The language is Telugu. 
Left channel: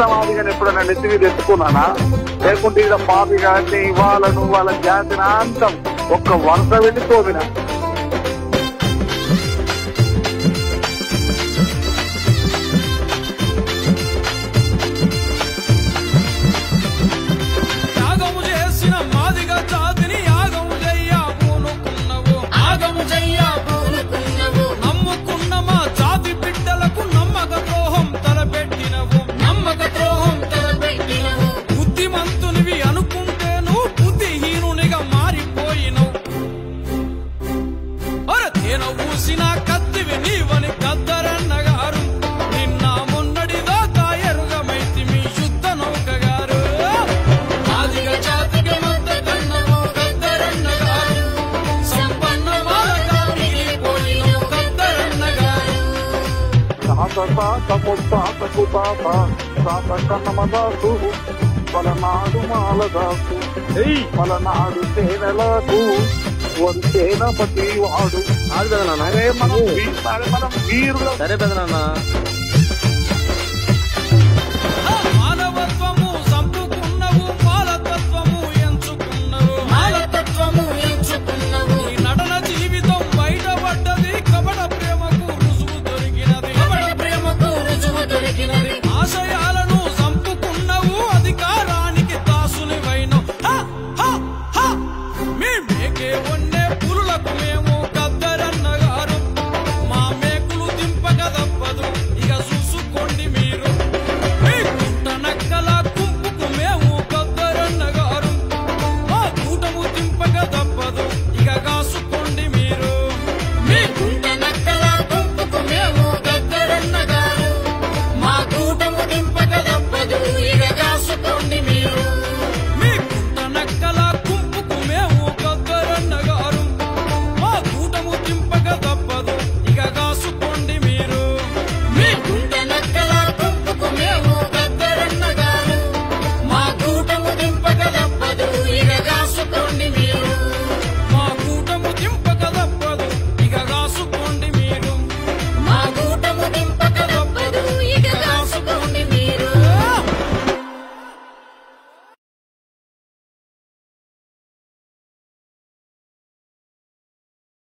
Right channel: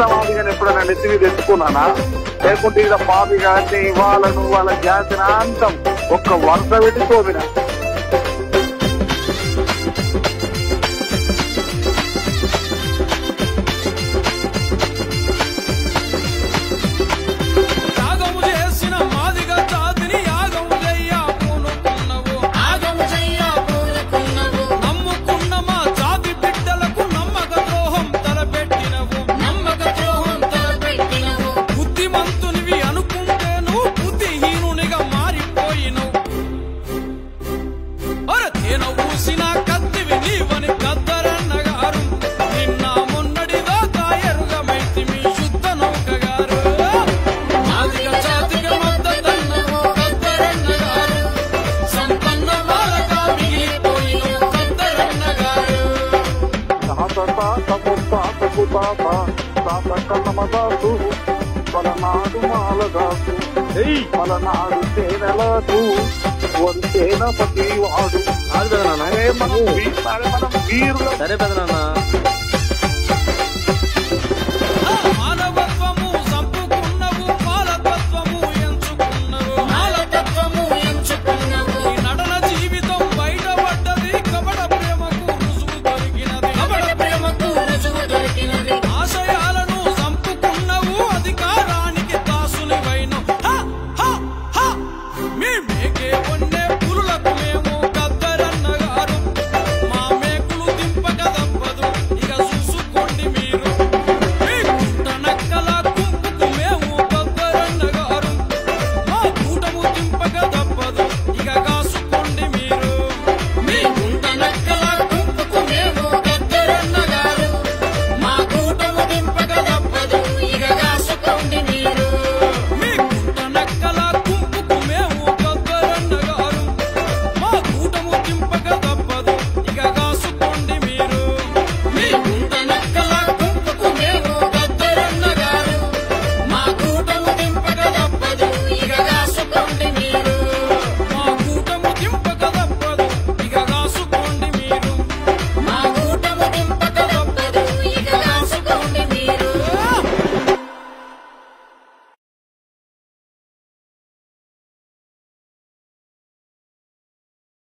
కృష్ణవాదిగాని ఎప్పుడైనా నెత్తి మీద ఎత్తుకున్నానా? లేకుంటే ఇక్కడ పాపి గారిని వాళ్ళను వాళ్ళ జాతిని అంతం ఒక్క వరుస పెట్టి తోమిన. యాగము చేసిన మాదిగ జాతిని యాగము చెయ్యబూనుకున్నవు, నమ్ముకున్న మా జాతి బిడ్డలకు నమ్మక ద్రోహం తలపెట్టినవు. బుద్ధిమంతునివి అనుకుంటే నువ్వు బుద్ధిహీనునిగా మారిపోయినవు. తేన ఊసిన కత్తివి నీవని గద్దరన్న గారు, నిన్న మొన్నడిదా తాయరుగమైతి మీ యుద్ధ నౌక గారు. పలనాడు మాలదాసు పలనాడు సేనలకు వంతేన ప్రతి వాడు. మనం వీరులు. సరే పెదనాన్న. మానవత్వము చంపుకున్నవు, మాలతత్వము ఎంచుకున్నవు. ఈ నటన జీవితం బయటపడ్డది, కపట ప్రేమకు రుజువు దొరికినది. ఆశయాలను చంపుకున్నవు, అధికారానికి దాసునివైనవు. మీ మేకే వన్నే పులులకు మేము గద్దరన్న గారు, మా మేకులు దింపక తప్పదు.